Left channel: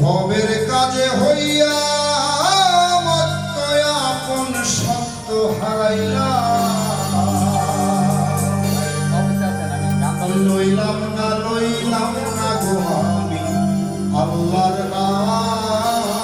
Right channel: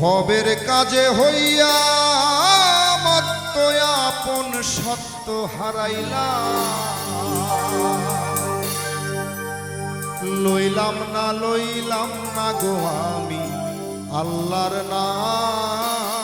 ভবের কাজে হইয়া আপন সত্য হারাইলা। লইলাম না লইলাম না গো আমি আল্লাহর নাম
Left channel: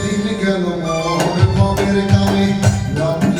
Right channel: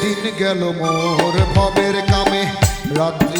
দিন গেল মোর মমের কামে রাত্রি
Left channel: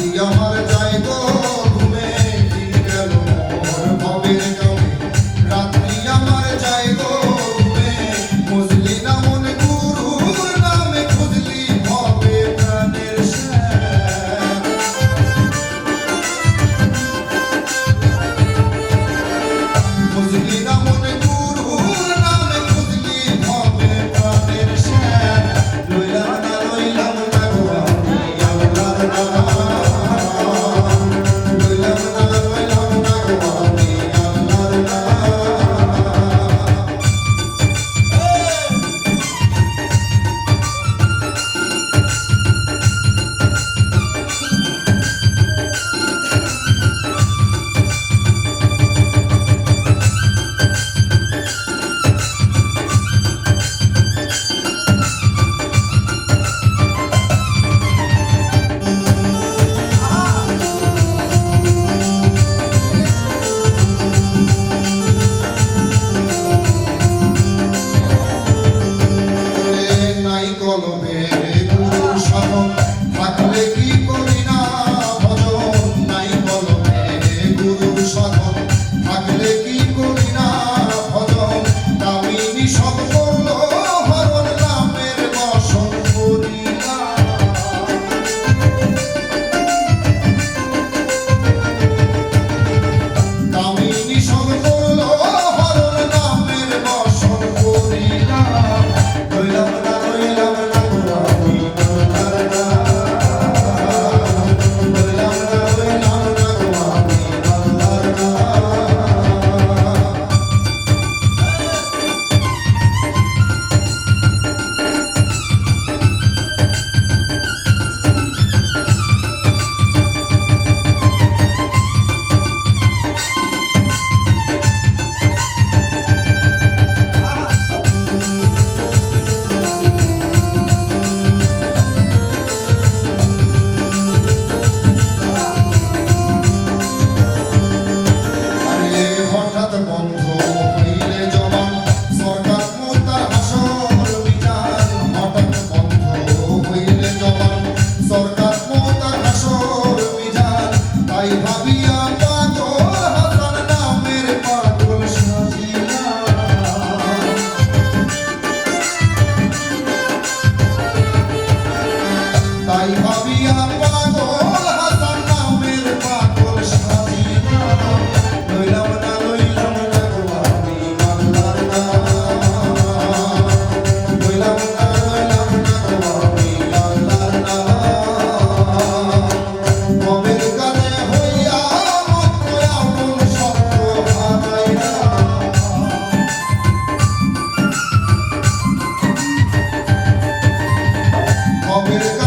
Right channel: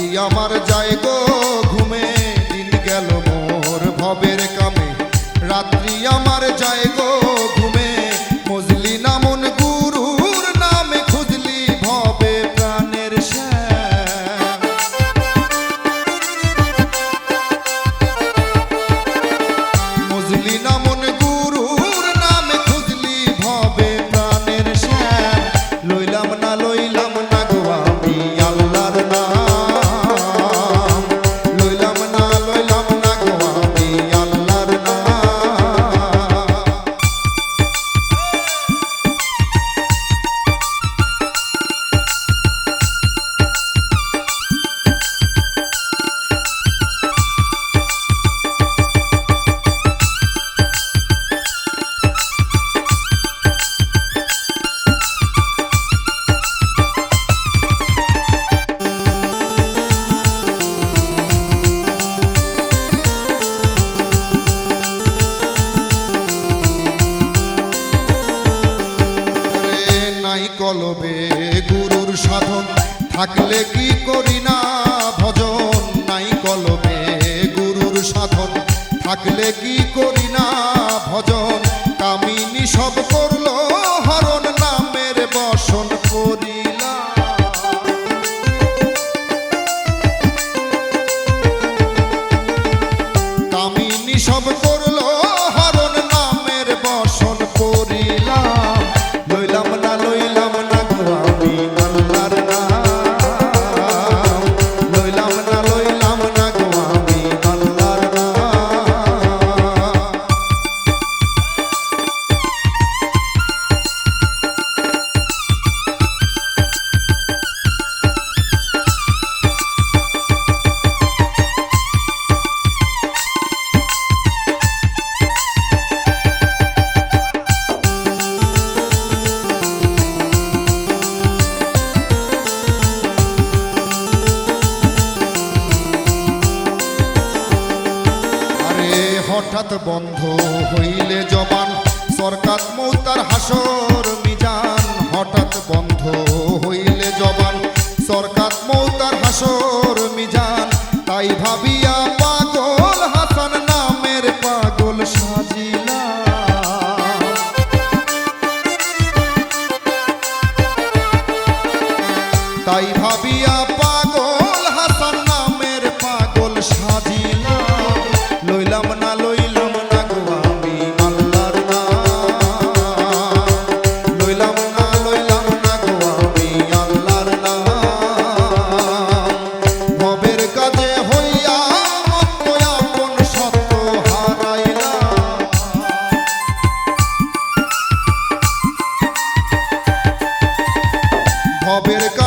কবের